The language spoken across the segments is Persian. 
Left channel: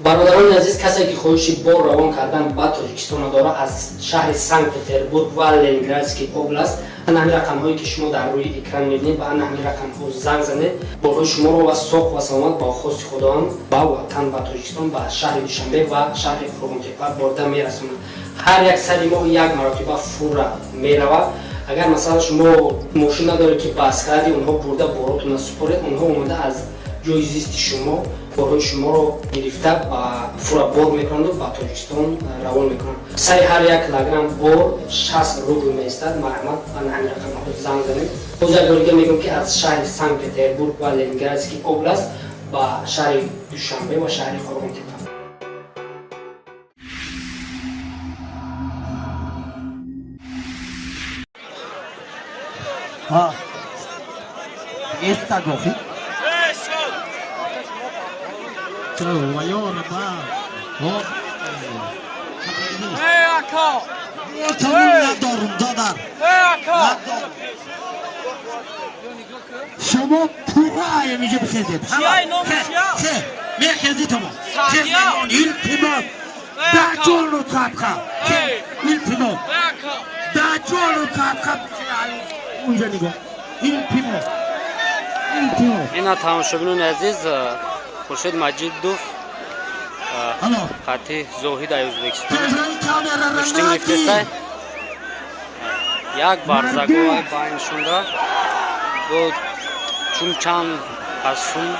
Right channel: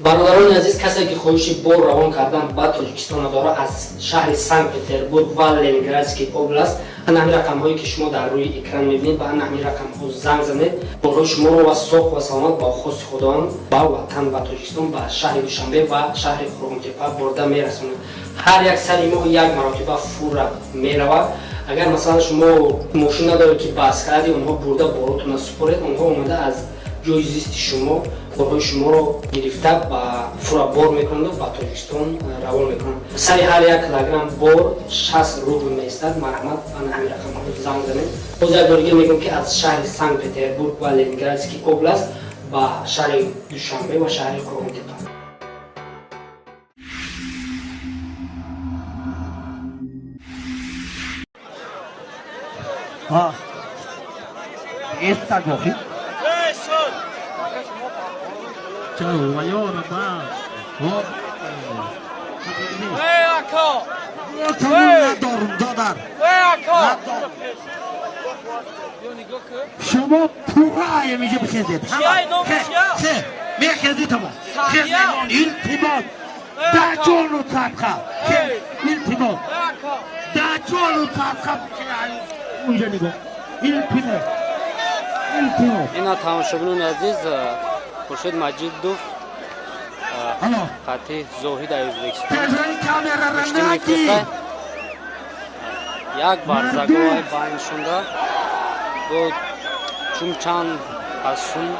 برادران عزیز، کسی که خواهش بار روان کردن به تاجیکستان داره از شهر سنت-پتربورگ و لنینگرادسکی اوبلاست، همین رقم هایی که شما در روی اکران میبینید به همین رقم ها زنگ زنید. برای شما رو و صحب و سلامت با خواست خداوند به وطن و تاجیکستان به شهر دوشنبه و شهر کورگونتپپا برده میرسونید. هر یک سری ما یک مرتبه فور میرود. اگر مثلا شما ماشین ندارید که بس کردی اونها برده باراتون سپرید، اونها اومده از جای زیست شما برای شما رو گرفته با فرا بار میکنند و با تاجیکستان روان میکنند. سری هر یک لگن بار 60 روبل میستد. مرحمت به همین رقم زنگ زنید. باز یک بار دیگه میگم که از شهر سنت-پتربورگ و لنینگرادسکی اوبلاست با شهر دوشنبه و شهر کورگونتپپا. Esta Zofid. شما پورای میگه بخیزید خیلی میخیزید همون خیلی التماس در جانو صدقه التماس در جانو صدقه اونجا نگاه التماس اینا تماشاگران عزیز، خورشید مجیدوف قطعی زاهد ای ازبکستان گوشتین گرفته است. یک برزگاه باین شونده و چون چند قسم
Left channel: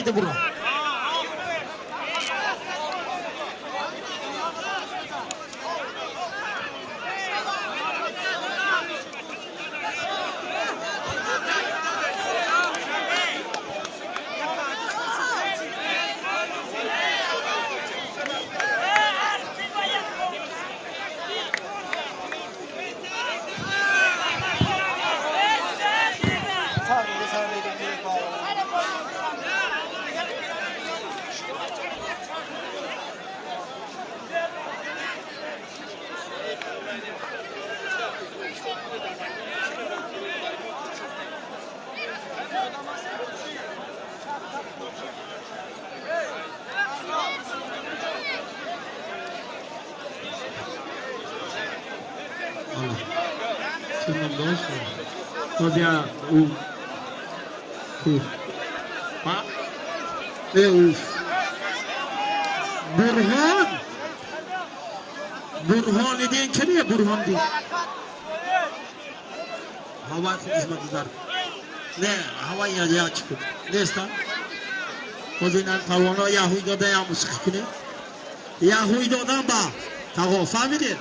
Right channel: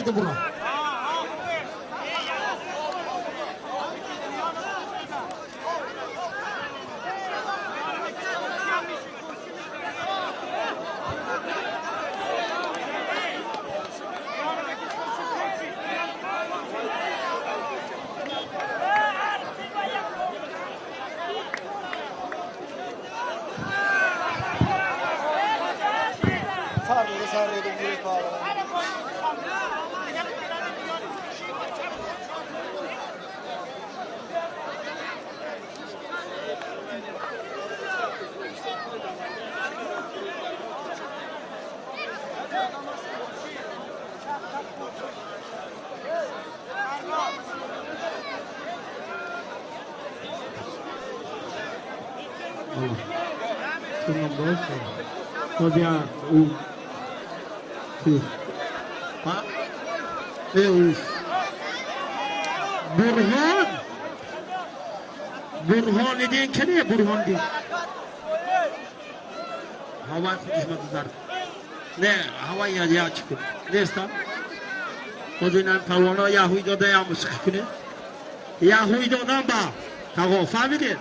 Haydi bro. برهان دین که نه برهان دین هوا خودش مدار نه هوا یا چیکو نیستا خودینان توانا یهوی داده یا موسیقی کنه یهوی داده با توا فهمیده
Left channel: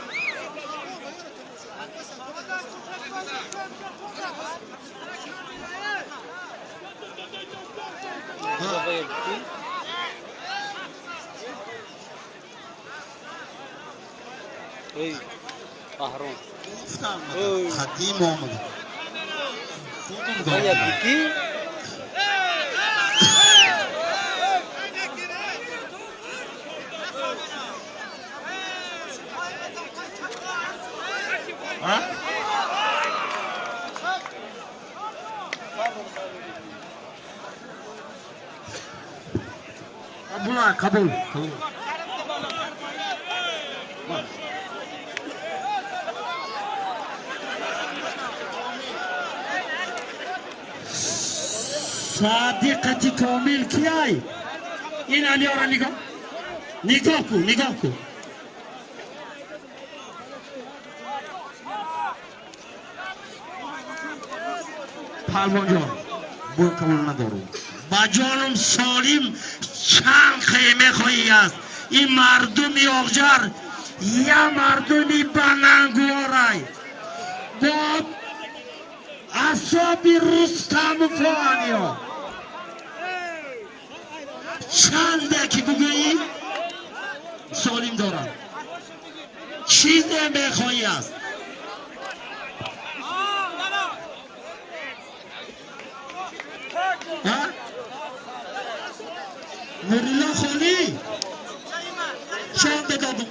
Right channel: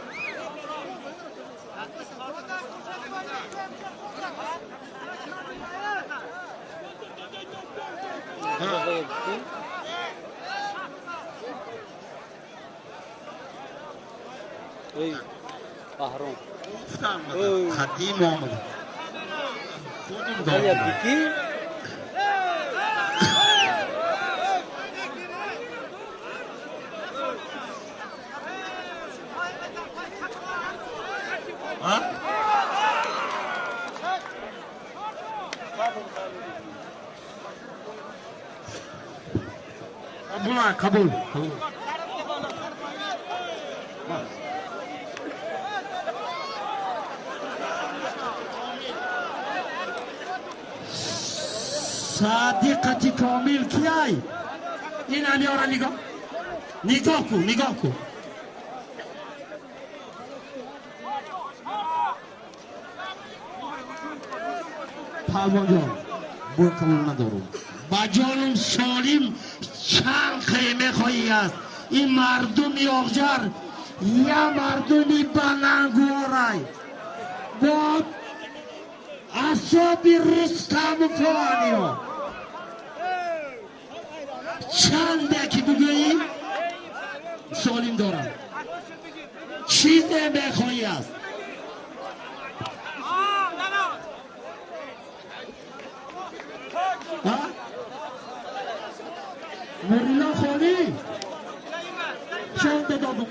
ای بحرون خطی محمد باید بیتی kabul. صادقتی کامل کیای این علی را نگاه کو پالوان جان برو کامل ندارم با جانم سالم چند خیمه خواهی است این مردمی آخجر یا مردمی بنانگوارای با اصابی رستم فوانی ها چنده که بگویی سالم دارم چیزی بخواهی است دادم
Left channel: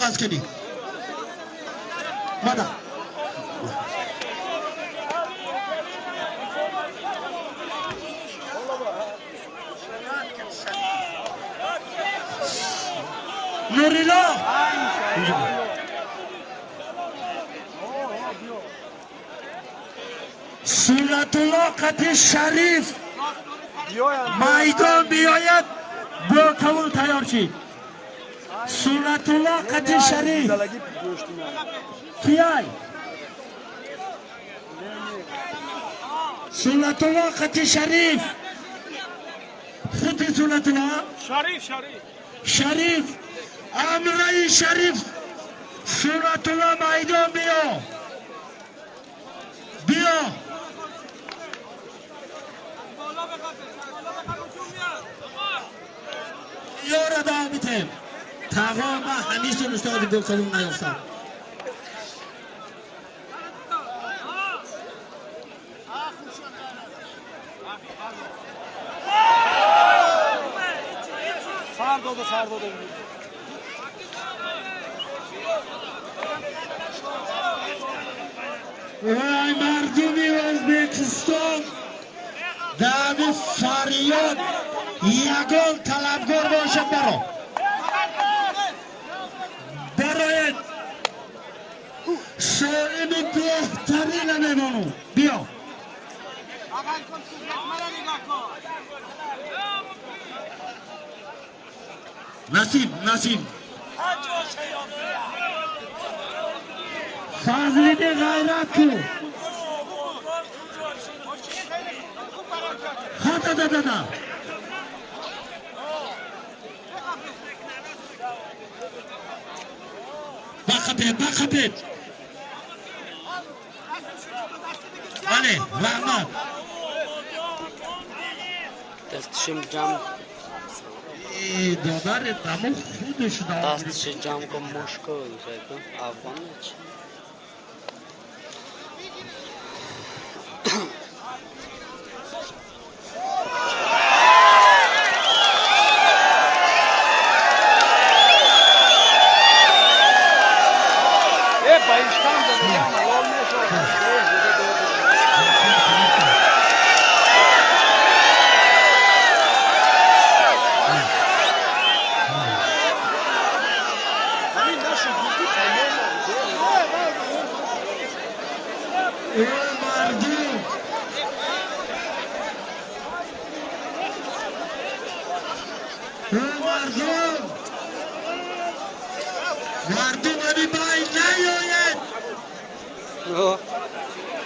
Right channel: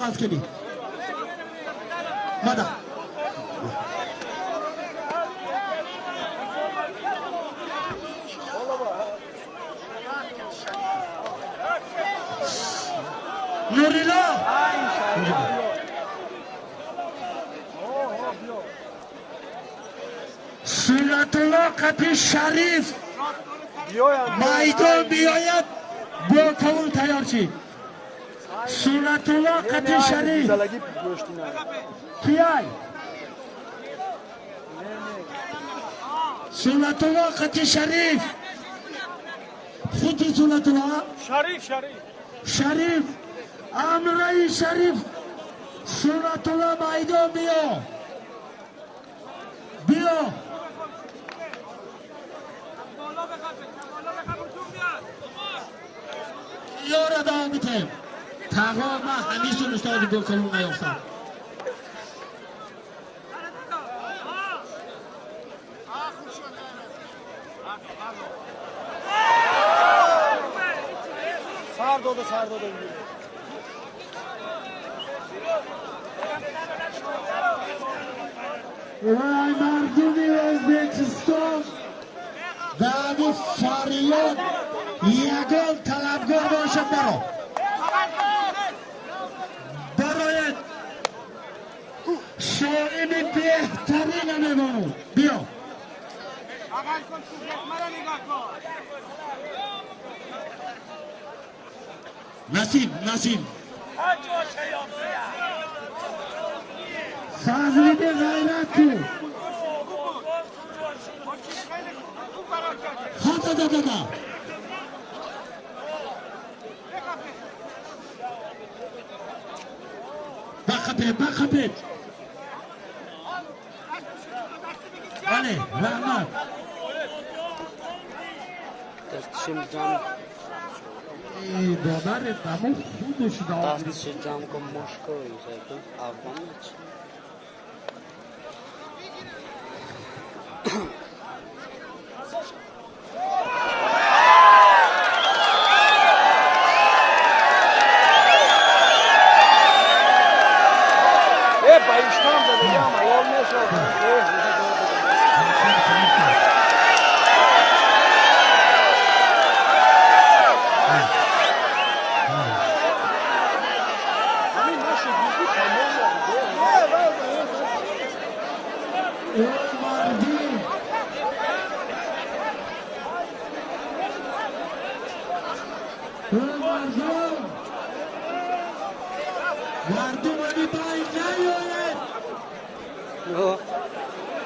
از کنی ماذا نوریلا سنت وقت شریف میدان بیاید با کمون تیار شید سنت وقت شریف بیای سنت وقت شریف خود سنت وقت شریف امره شریف سنت وقت میدان بیا یار دامتیم تقوام همیشون استاد بکنم نیافتم وای مردمی ازبکستان دم فریاد یگان طلبگار باشم برای شاعر بهترین نمانو بیا نسیم فضلی غیرت تو دا بخبید بله رحمت دستشم جمع دادار دمو خودش داد دستش جمع کن مشکل کن افغان چی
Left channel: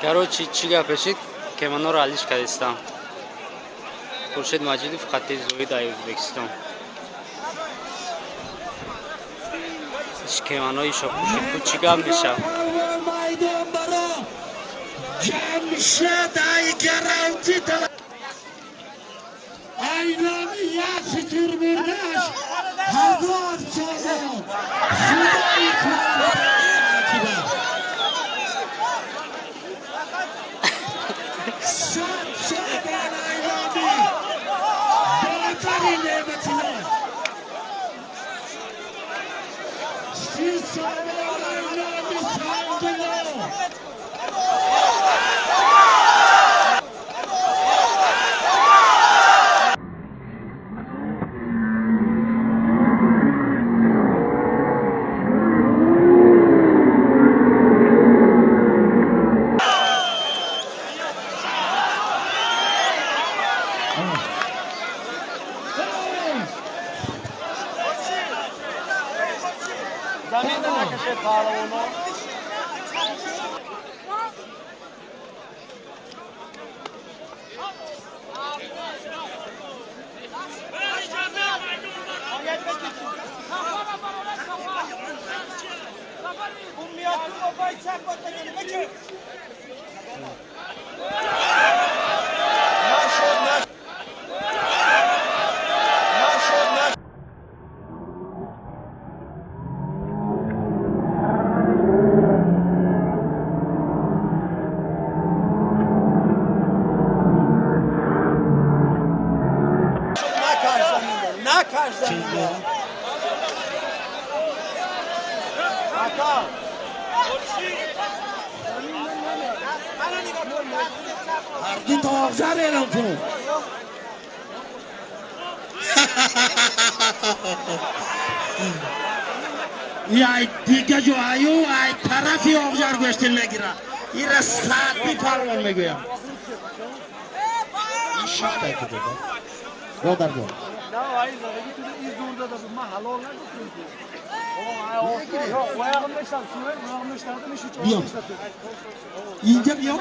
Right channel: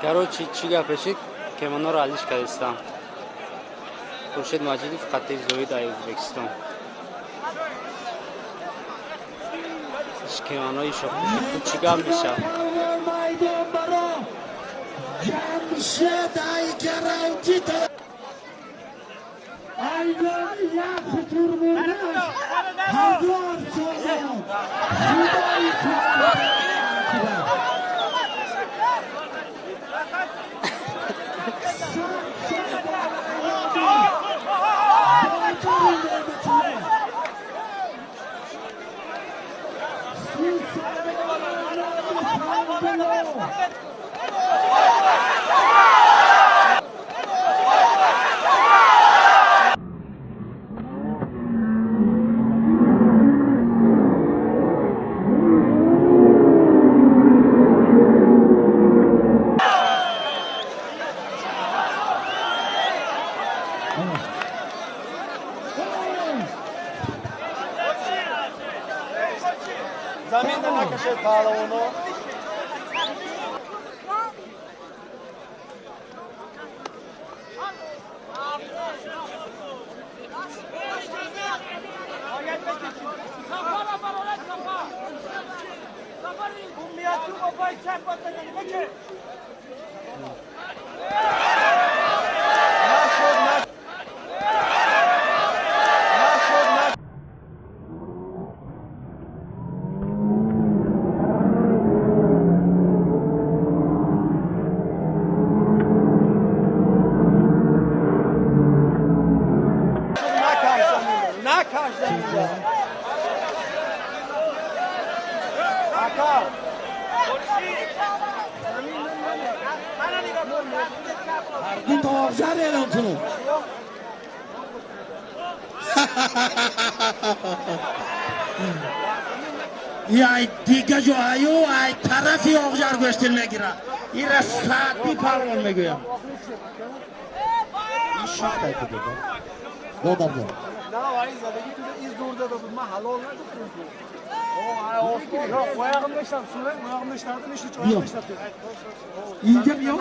короче чӣ гапешид кеманоро алиш кардистам хуршед маҷидов хатти зохид ай узбекистон кеманои шопушид ту чӣ гап мешав گردید آبجر اعلام کنم. ای دیگه جو ایو ای طرفی آبجر گوشتین نگیره. این را ساعتی پرون میگویم. این شیش تا که دیگه. دادر جو. اینجا بیا.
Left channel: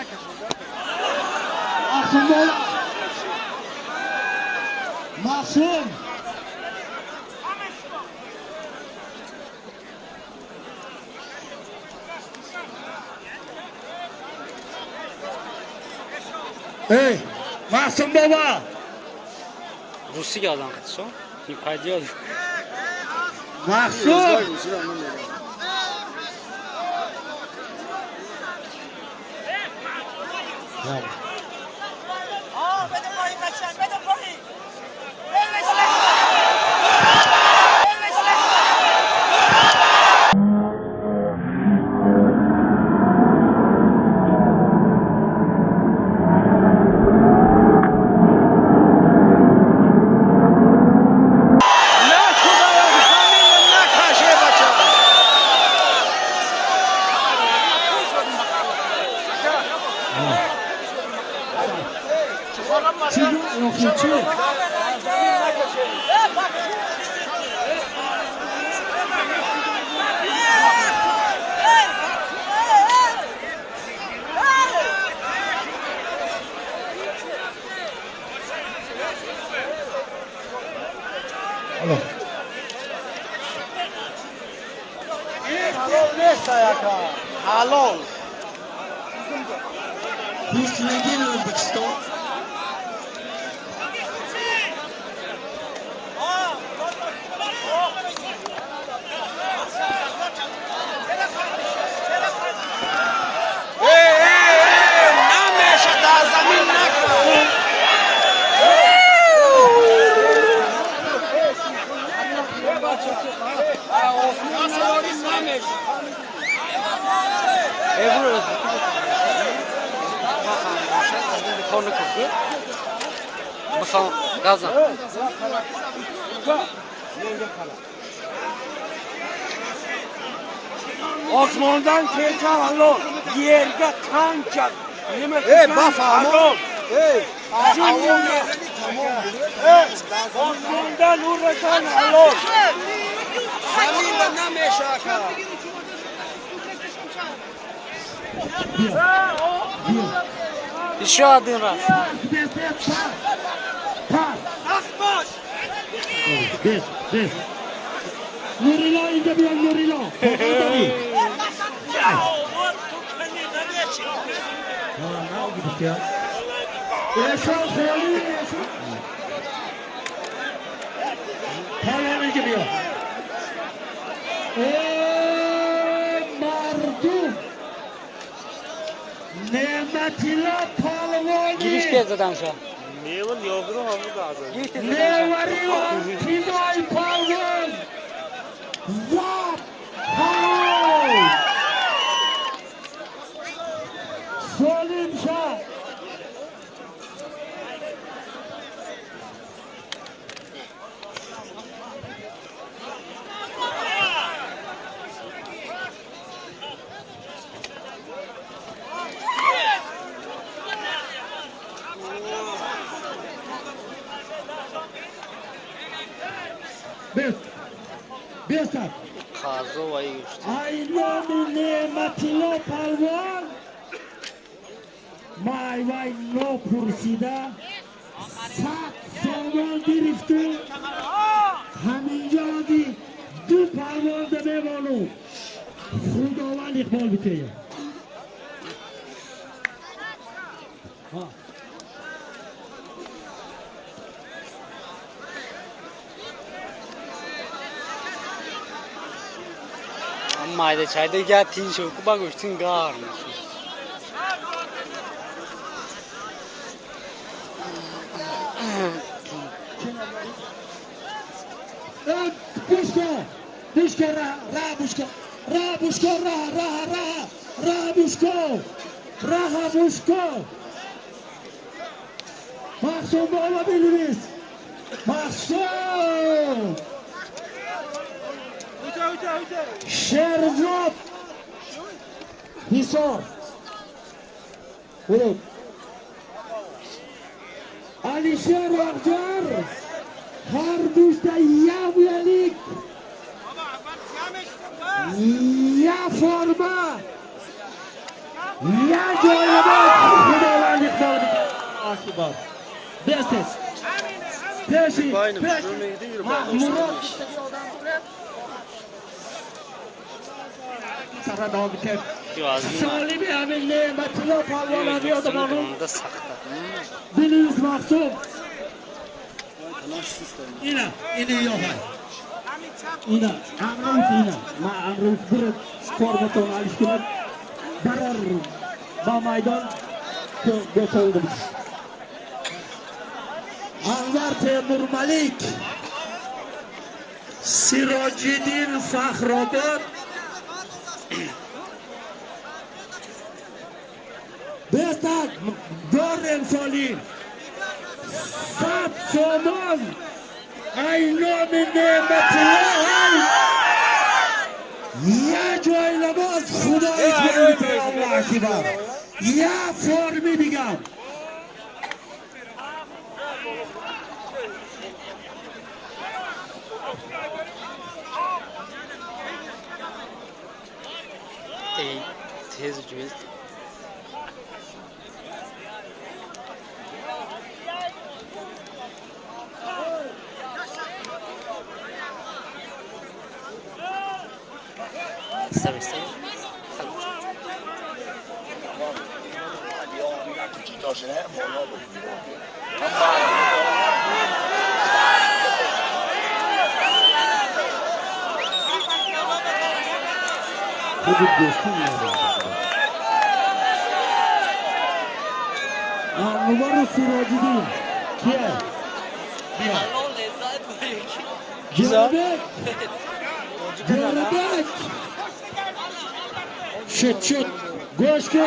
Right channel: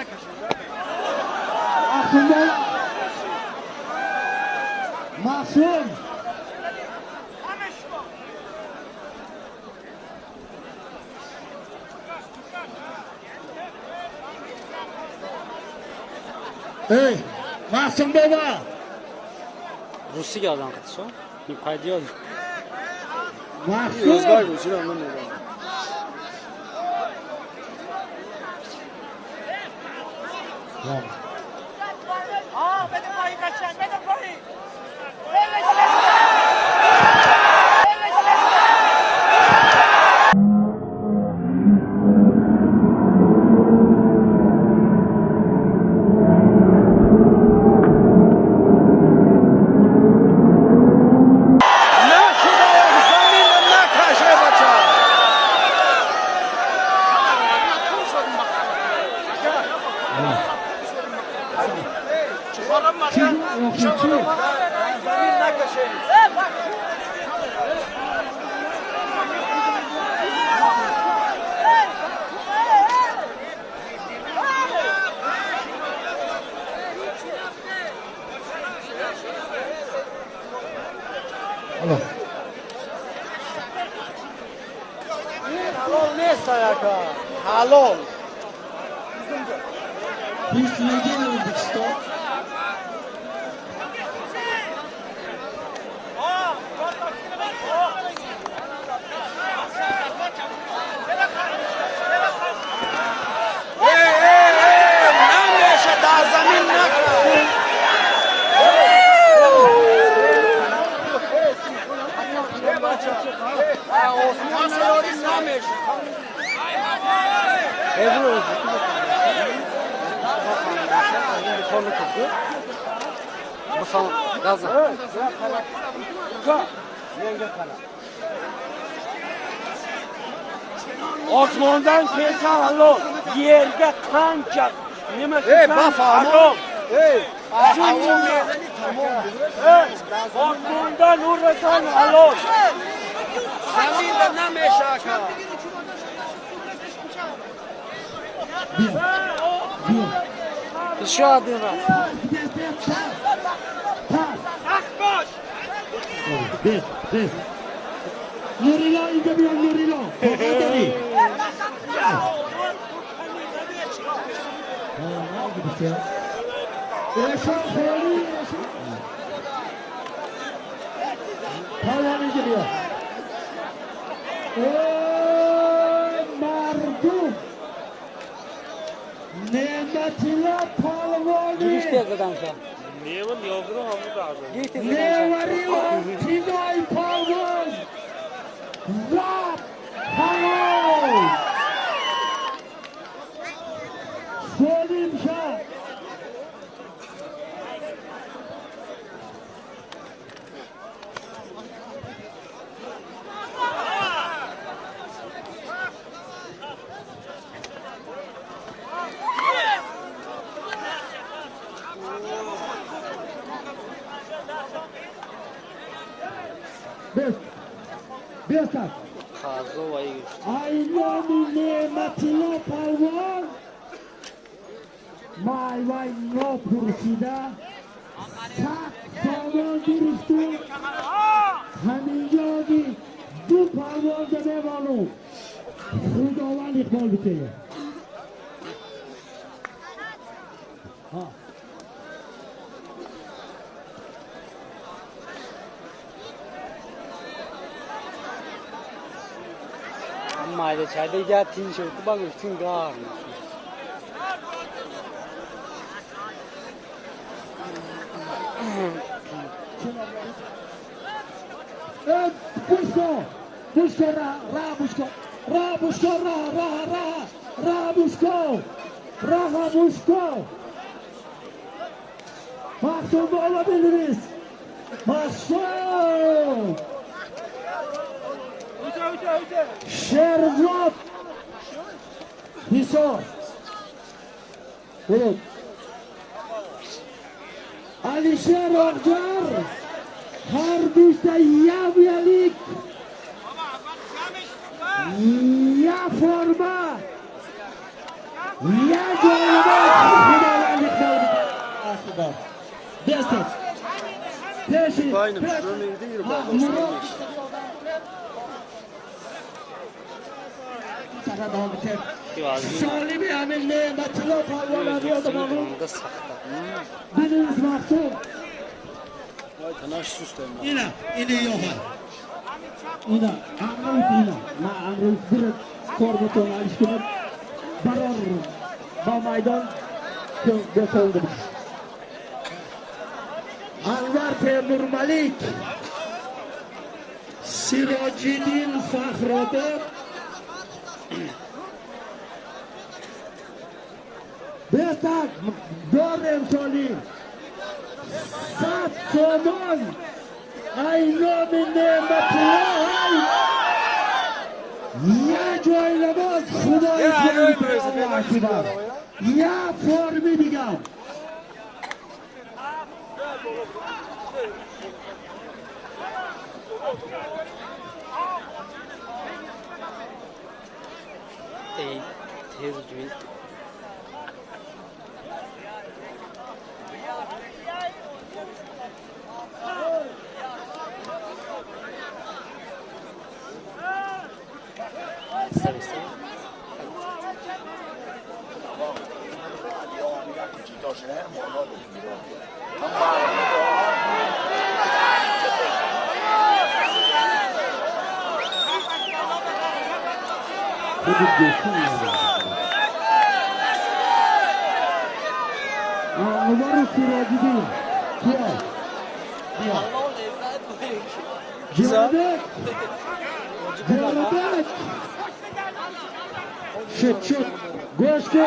آخونده. معصوم. ای معصوم بابا. روسی که آدم قدشو؟ این قیدی آدم. معصوم. حلال گوشتینی ازبکستان بخوام غذا osmondan kelsa halol, yerga qancha nima qilsa halol. Osmondan urasan halol. Zaminda nameshaka. еще один раз. Nurilo اینجا بیان نورilo. اشان خیلی پایان اینجا بیان. مردم نعمتیلا پالوانی Giriş piyasadan şu an. نوری تیزای پالوان زاد پالوان سلیم شد بیستان Kazı vay güçtü. Aylanı nimetile palvan Mayvay no pursida Sat salvan girifti Haminca di Du palvan da bevanu Hudavan ikbal biteye Mayda çayda gel tin şoku bak uçtun garmış. Busco ra busco بوشکو راه بوشکو محسوم بالا بینیست محسوم شرزاد حساب برود علیشار آقجار هر دوشت یلیک یا فرما یا جایبات خدا لعنی خدا آشیبار دستس پیشی مراد سرا دوام بیتر سالی به همین نعمتی لا پالوانانی آدمانو بینیز مقصود اینا یا های اینا امروز ما امروز برد کارمتون علیش کنم برار با میدان بتولدم انور تیمور ملیک سراج‌الدین فخرآباد بهتر دار امسالی 100 سامان ایام نعمتی یا جای لباس خدای جایی الله اکبر یا فرمی بگم ای تیز جویل انور سراج‌الدین کیه؟ بیا جربک شد گوش کو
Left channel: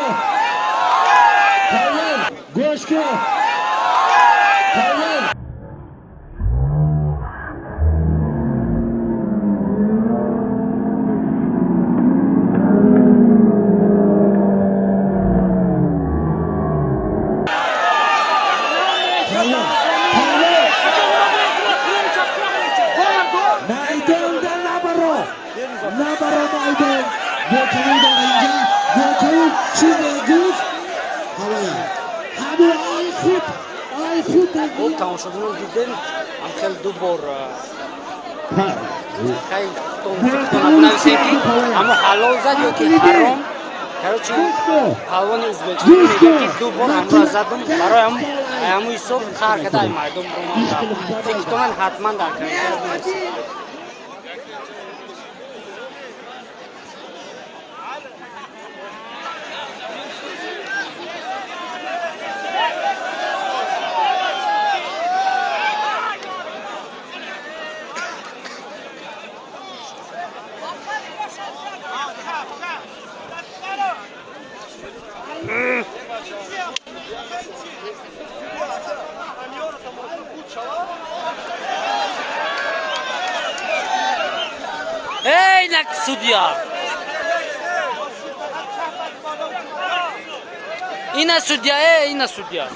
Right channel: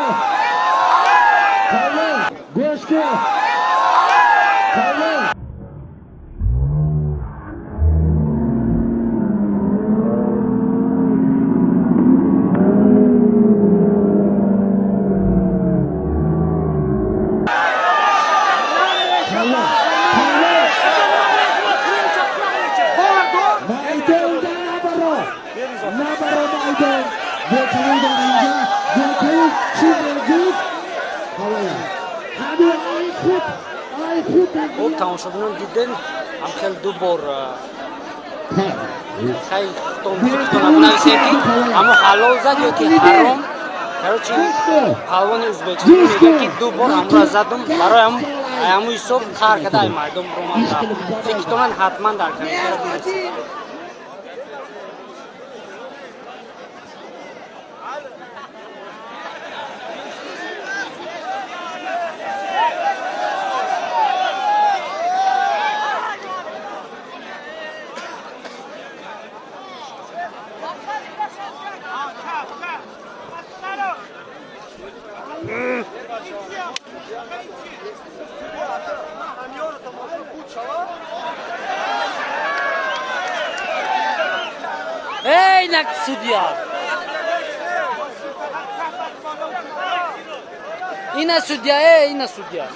گوش کو خب تمام شدن دیدن هم خیلی دو بار خیلی تون نبنویسین که اما حلال زد یا که حرام کروچی پهلوان ازبکستان میگه که دو بار همراه زدم برای همون حساب کار کرده ای مردم رو من فکر کنم حتما در کنم ای نک سودیا اینا سودیا اینا سودیا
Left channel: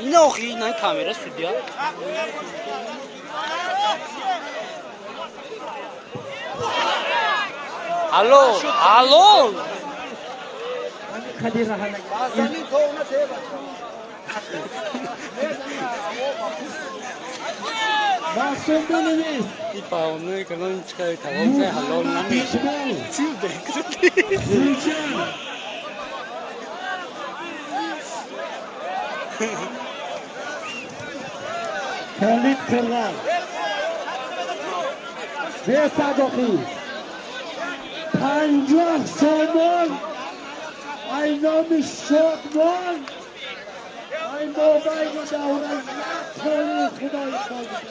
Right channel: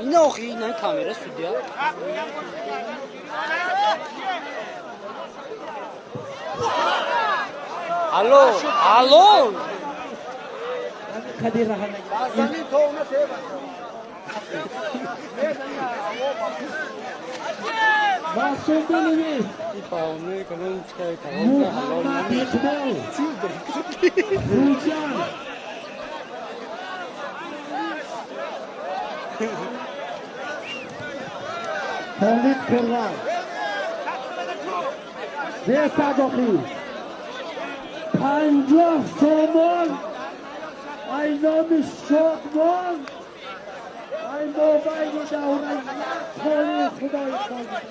اینا آخی اینا کامera سودیا الو خدیر راه محسوم بنویس این پاونه کنن این چکای تمام زه حلال نمیشه چیز درکتی خالد قرغان به صداقی 50 سامان اینام شادمان ای موبایل داره یک پای خدای خواهد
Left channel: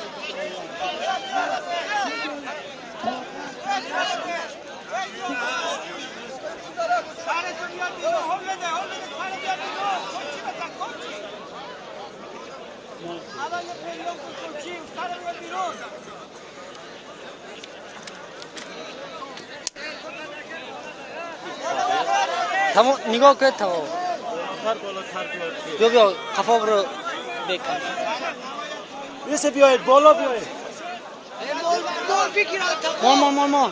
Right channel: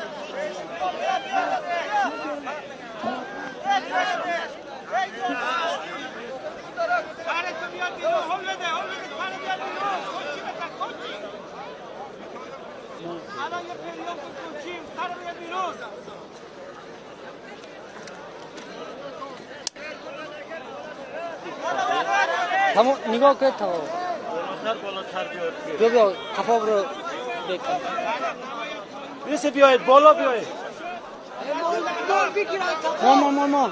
تمام نگاه کن تمام بیا قفا برو بکن بیسه بیاید بالا بیاید ماما